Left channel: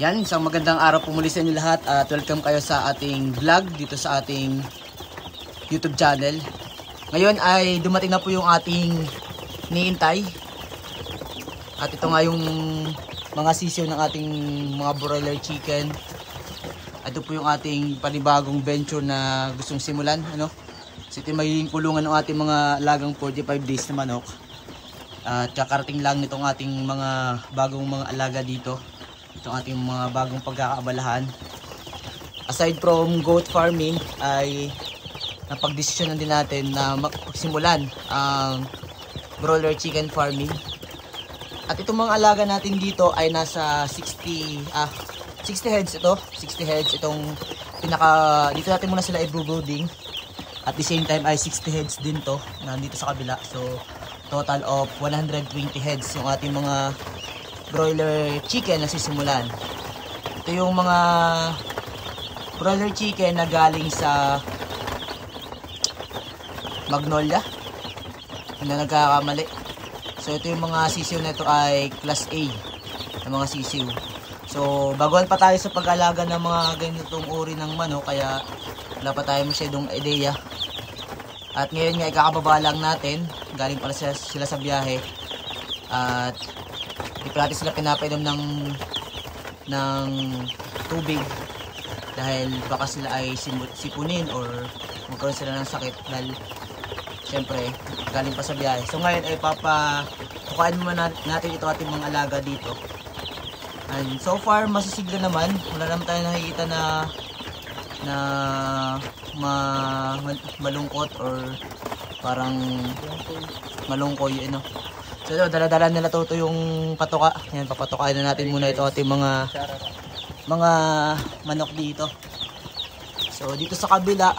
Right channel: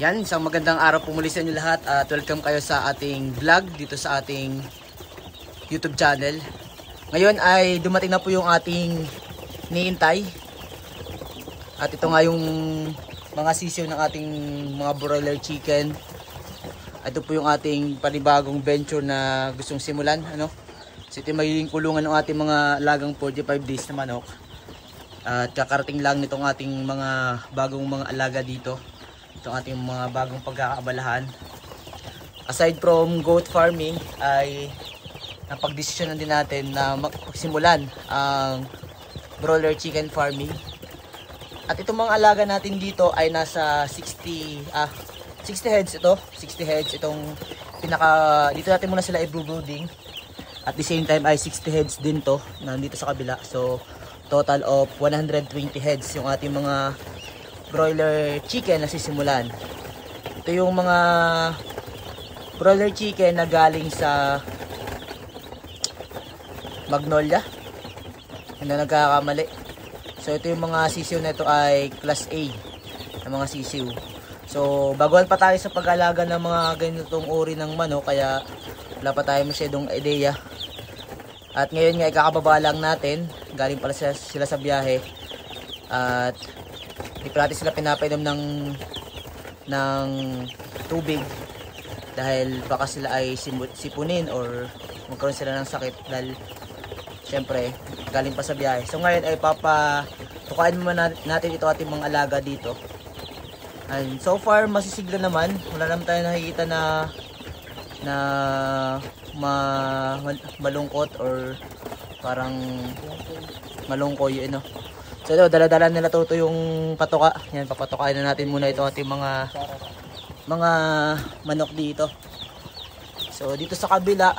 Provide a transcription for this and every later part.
Yan, isang magandang araw po muli sa inyo lahat at welcome kayo sa ating vlog dito sa ating YouTube channel. Ngayon ay dumating na po yung ating niintay. At ito nga yung mga sisiw ng ating mga broiler chicken. Ito po yung ating panibagong venture na gustong simulan. So ito may kulungan ng ating mga lagang 45 days na manok. At kakarating lang nitong ating mga bagong mga alaga dito. Itong ating mga bagong pagkakaabalahan. Aside from goat farming ay napagdesisyonan din natin na magsimulan ang broiler chicken farming. At itong mga alaga natin dito ay nasa 60 heads ito. 60 heads itong dito natin muna sila i-brooding. At the same time ay 60 heads din to nandito sa kabila. So total of 120 heads yung ating mga broiler chicken na sisimulan. Ito yung mga broiler chicken na galing sa Magnolia. Hindi na nagkakamali. So ito yung mga sisiw na ito ay class A na mga sisiw. So baguhan pa tayo sa pag-alaga ng mga ganitong uri ng manok, kaya wala pa tayo masyadong ideya. At ngayon nga ikakababa lang natin. Galing pala sila sa biyahe. At hindi pa natin sila pinapainom ng tubig dahil baka sila ay sipunin or magkaroon sila ng sakit dahil syempre galing pa sa biyahe. So ngayon ay papatukain muna natin ito ating mga alaga dito. And so far masisigla naman, wala naman tayo nakikita na malungkot or parang malungkoy So dala-dala nila to yung patuka. Yan, papatukain na natin muna ito ating mga manok dito. So dito sa kabila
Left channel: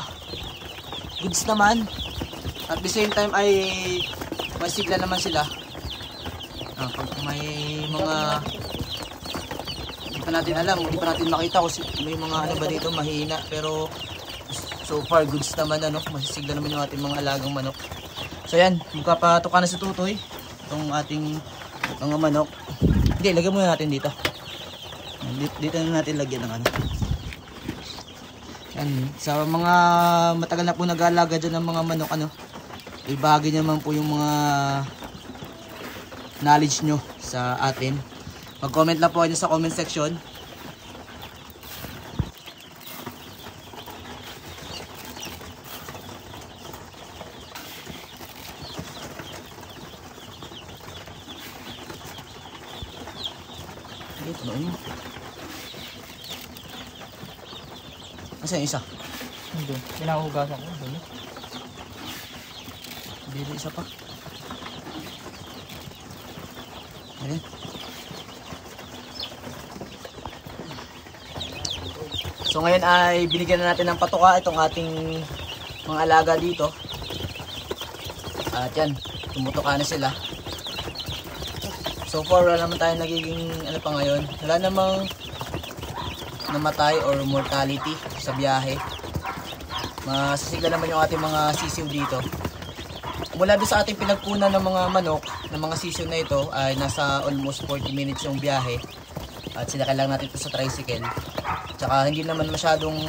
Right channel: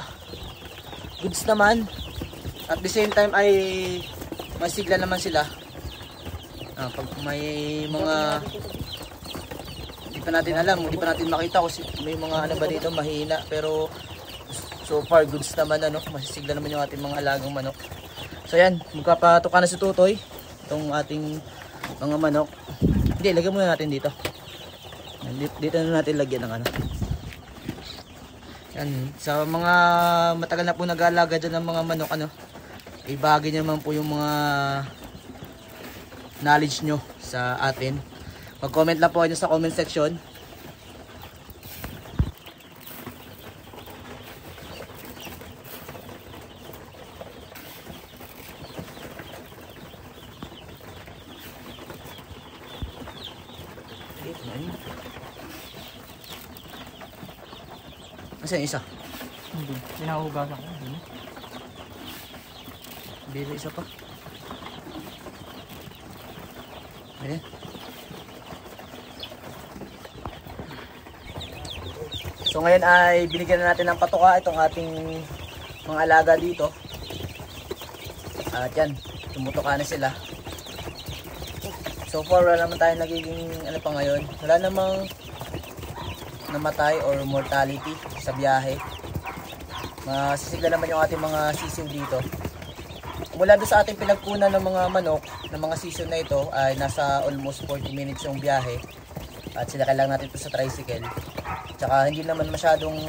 goods naman. At the same time ay may sigla naman sila. Pag may mga hindi pa natin alam, hindi pa natin makita kung may mga ano ba dito mahina, pero so far goods naman masisigla naman yung ating mga alagang manok. So yan, magpapatuka na si Tutoy itong ating mga manok. Hindi, lagyan muna natin dito. Dito na natin lagyan ng yan. Sa mga matagal na po nag-aalaga dyan ng mga manok, ibahagi naman po yung mga knowledge nyo sa atin. Mag-comment lang po kayo sa comment section. Asa yung isa? Hindi. Pinahugasan ko. Hindi isa pa. Ayan. So ngayon ay binigyan na natin ng patuka itong ating mga alaga dito. At yan, tumutuka na sila. So far wala naman tayo nagiging pa ngayon. Wala namang namatay or mortality sa biyahe. Masisigla naman yung ating mga sisiw dito. Mula doon sa ating pinagpunan ng mga manok, ng mga sisiw na ito ay nasa almost 40 minutes yung biyahe. At sinakay lang natin ito sa tricycle. Tsaka hindi naman masyadong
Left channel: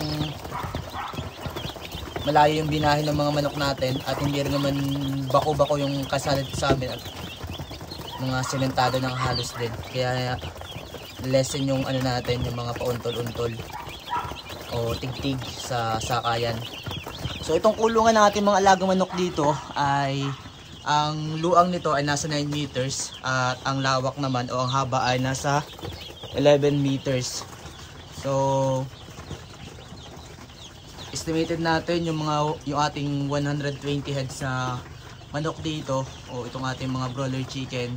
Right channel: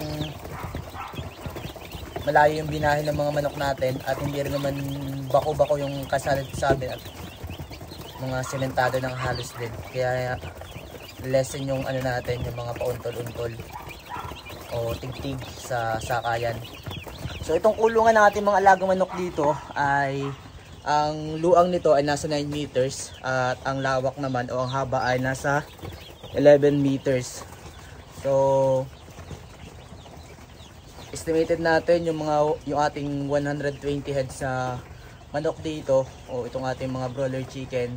malayo yung binahe ng mga manok natin at hindi rin naman bako-bako yung kasalit sa amin at mga sementado ng halos din. Kaya lessen yung natin, yung mga pauntol-untol o tig-tig sa sakayan. So itong kulungan ng ating mga alagang manok dito ay ang luang nito ay nasa 9 meters at ang lawak naman o ang haba ay nasa 11 meters. So estimated natin yung ating 120 heads sa manok dito o itong ating mga broiler chicken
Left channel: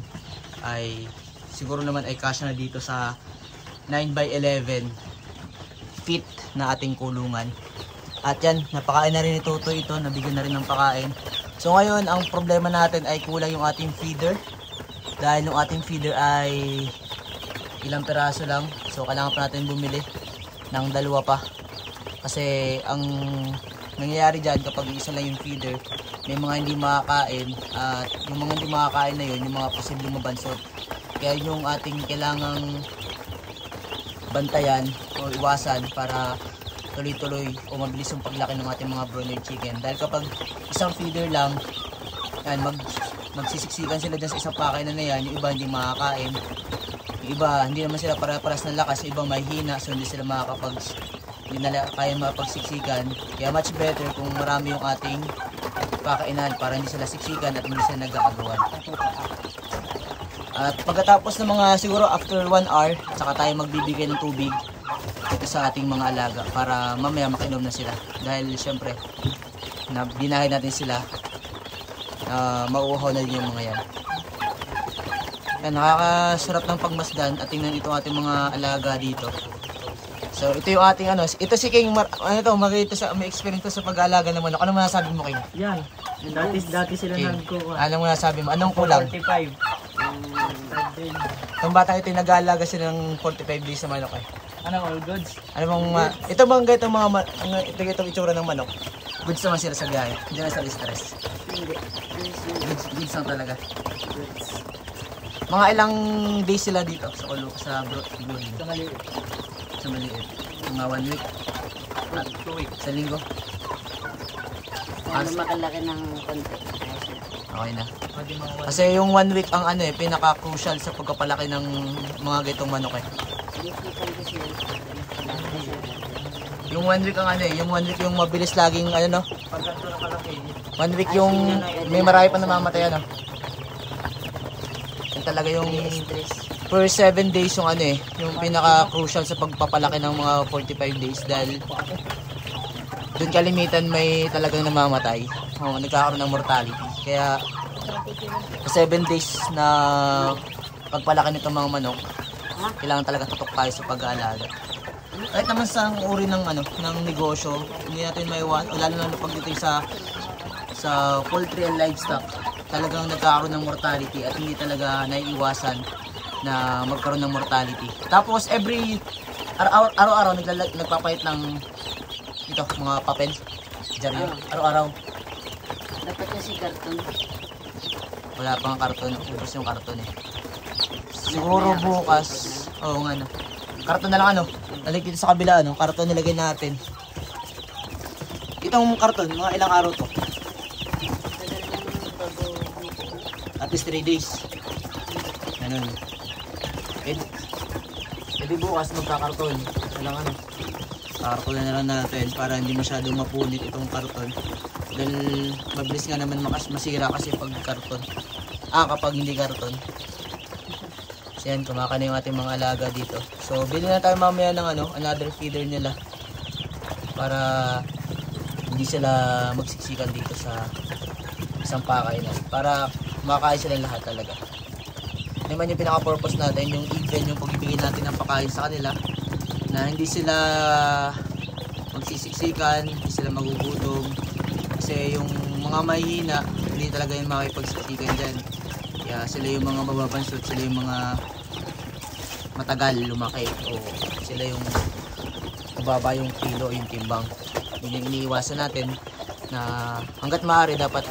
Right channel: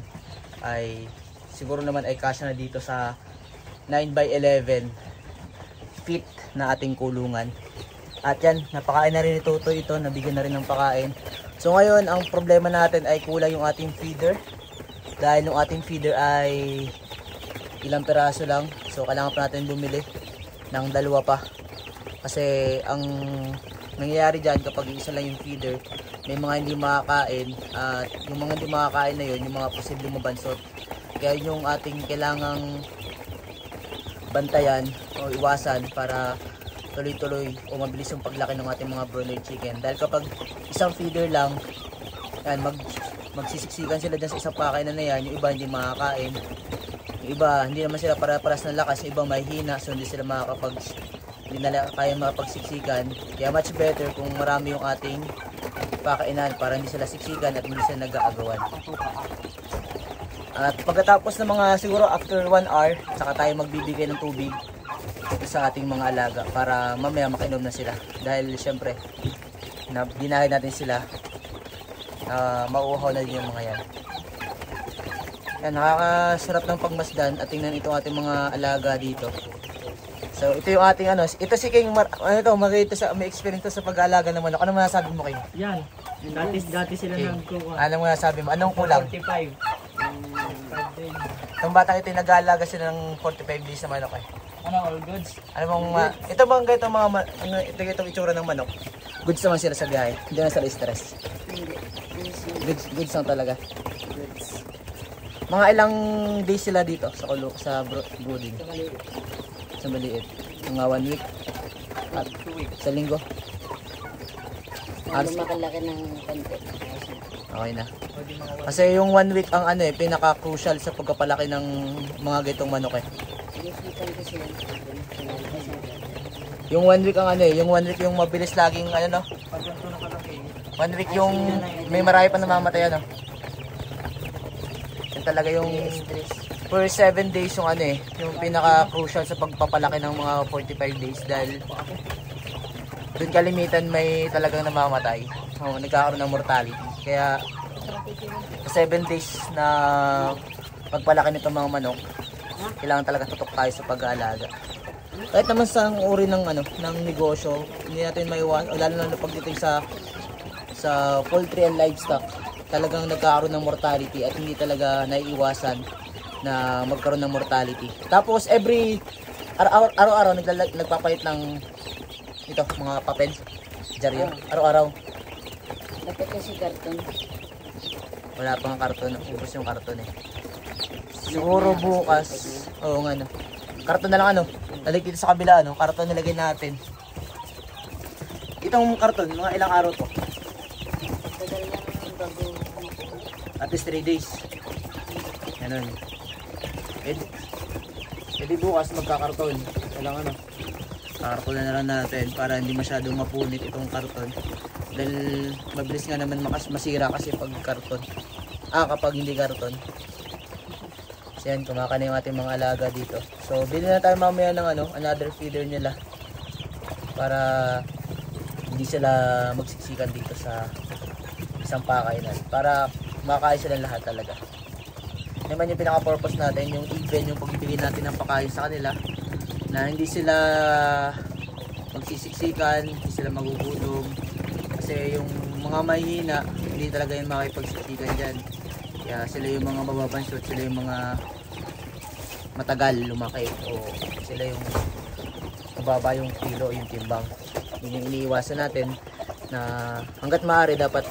ay siguro naman ay kasya na dito sa 9 by 11 feet na ating kulungan. At yan, napakain na rin ni Tutoy ito, nabigyan na rin ng pakain. So ngayon, ang problema natin ay kulang yung ating feeder. Dahil yung ating feeder ay ilang peraso lang. So kailangan pa natin bumili ng dalawa pa. Kasi ang nangyayari dyan kapag isa lang yung feeder, may mga hindi makakain. At yung mga hindi makakain na yun, yung mga posibleng mabansot. Kaya yung ating kailangang bantayan o iwasan para tuloy-tuloy o mabilis yung paglaki ng ating mga broiler chicken. Dahil kapag isang feeder lang, yan, magsisiksikan sila dyan sa isang pakainan na yan, yung iba hindi makakain. Yung iba, hindi naman sila para-paras ng lakas, yung iba may hina, so hindi hindi nila kaya makapagsiksikan. Kaya much better kung marami yung ating pakainan para hindi sila siksikan at hindi sila nag-aagawan. At pagkatapos ng mga siguro after 1 hour, saka tayo magbibigay ng tubig ito sa ating mga alaga para mamaya makinom na sila. Dahil syempre, binahay natin sila, mauuhaw na din yung mga yan. Yan, nakakasarap ng pagmasdan at tingnan ito ating mga alaga dito. So ito yung ating ito si King, may experience to sa pag-aalaga ng manok. Ano masasabi mo, King? Yan. Dati sila King, nagkukuha. ano masasabi mo? Anong kulang? 45. Itong bata ito nag-aalaga sila ng 45 days sa manok eh. Ano, all goods? Ano bang itong itsura ng manok. Goods naman sila sa biyahe. Hindi na sila stress. Goods lang talaga. Mga ilang days sila dito sa brooding? Sa maliit. Mga 1 week. At 2 weeks. sa linggo. Makalaki ng konti. Okay na. Kasi yung 1 week ang pinaka-crucial sa pagpapalaki ng mga gitong manok eh. Yung 1 week yung 1 week yung mabilis laging 1 week yung may marami pa namamatay Yung talaga yung for 7 days yung yung pinaka-crucial sa pagpapalaki ng mga 45 days dahil doon kalimitan may talagang namamatay. Nagkakaroon ng mortality. Kaya sa 7 days na pagpalaki nito mga manok, kailangan talaga tutok tayo sa pag-aalaga. Kahit naman sa uri ng ng negosyo, hindi natin maiwasan, lalo na pag dito sa poultry and livestock, talagang nagkakaroon ng mortality at hindi talaga naiiwasan na magkaroon ng mortality. Tapos araw-araw nagpapayit ng mga papel, dyaryo, araw-araw. Dapat kasi karton. Wala pang karton, ubos yung karton eh. Siguro bukas, karton na lang Lalik dito sa kabila karton nilagay natin. Itong karton, mga ilang araw to? At least 3 days. Ganun. Pwede bukas magkakarton. Kailangan karton na lang natin para hindi masyadong mapunit itong karton. Dahil mabilis nga naman masira kasi pag karton. Kapag hindi karton. So yan, kumaka na yung ating mga alaga dito. So bili na tayo mamaya ng another feeder nila para hindi sila magsiksikan dito sa isang pakainan. Para makakain sila lahat talaga. Naman yung pinaka-purpose natin, yung even yung pagbibigay natin ng pakain sa kanila na hindi sila magsisiksikan, hindi sila magugutom. Kasi yung mga mahihina, hindi talaga yung makipagsiksikan dyan. Kaya sila yung mga mababansot, sila yung mga matagal lumaki o sila yung mababa yung kilo o yung timbang. Yun yung iniiwasan natin na hanggat maaari dapat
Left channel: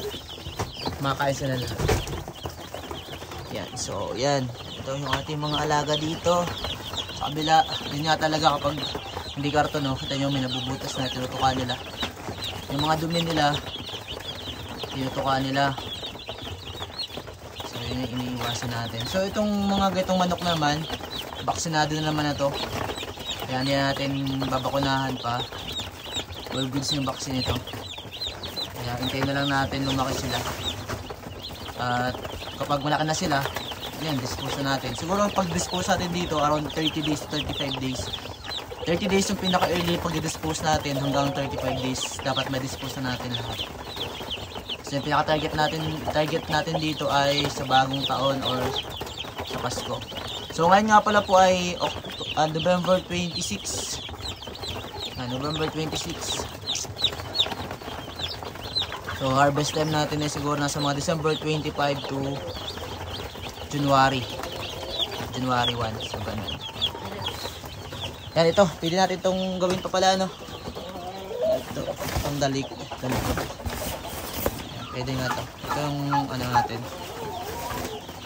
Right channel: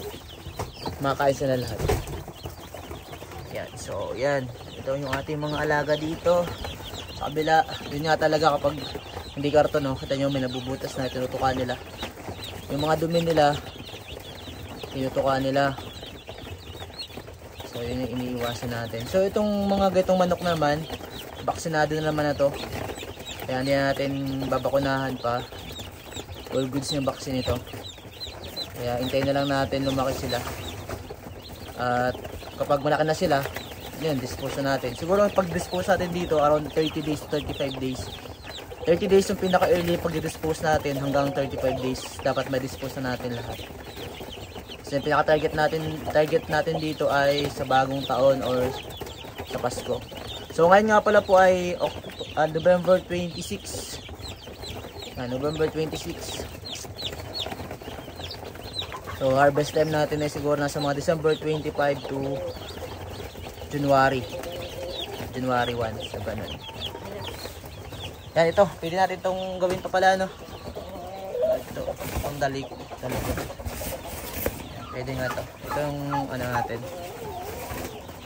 makain sila lahat. Yan, so yan, ito yung ating mga alaga dito sa kabila. Yun nga talaga kapag hindi karton kita nyo may nabubutas na tinutukan nila yung mga dumi nila, tinutukan nila. So yun yung iniiwasan natin. So itong mga gatong manok naman, baksinado na naman na to. Kaya hindi natin babakunahan pa. All goods yung vaccine nito. Kaya hintayin na lang natin lumaki sila. At kapag malaki na sila, yan, dispose na natin. Siguro ang pag-dispose natin dito around 30 days to 35 days. 30 days yung pinaka-early pag-dispose natin, hanggang 35 days dapat ma-dispose na natin lahat. So yung pinaka-target natin dito ay sa bagong taon or sa Pasko. So ngayon nga pala po ay November 26. November 26. So harvest time natin ay siguro nasa mga December 25 to January 1. So ganun. Yan ito, pwede natin itong gawin pa pala ito, pang dalik. Pwede nga ito. Ito yung natin.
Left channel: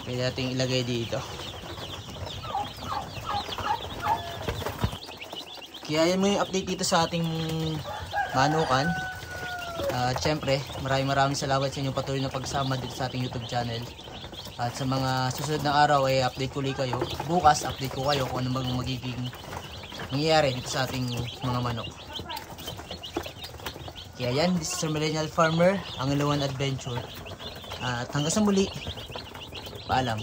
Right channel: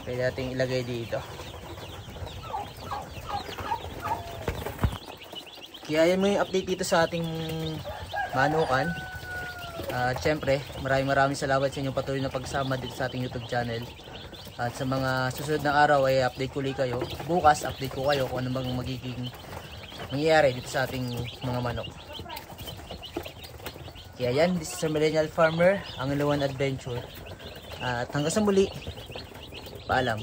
Pwede natin ilagay dito. Kaya yan mo yung update dito sa ating manukan. At syempre, maraming salamat sa inyong patuloy na pagsama dito sa ating YouTube channel. At sa mga susunod na araw ay update ko ulit kayo. Bukas update ko kayo kung ano bang magiging mangyayari dito sa ating mga manok. Kaya yan, this is a Millennial Farmer, ang Ilawan Adventure. At hanggang sa muli, paalam.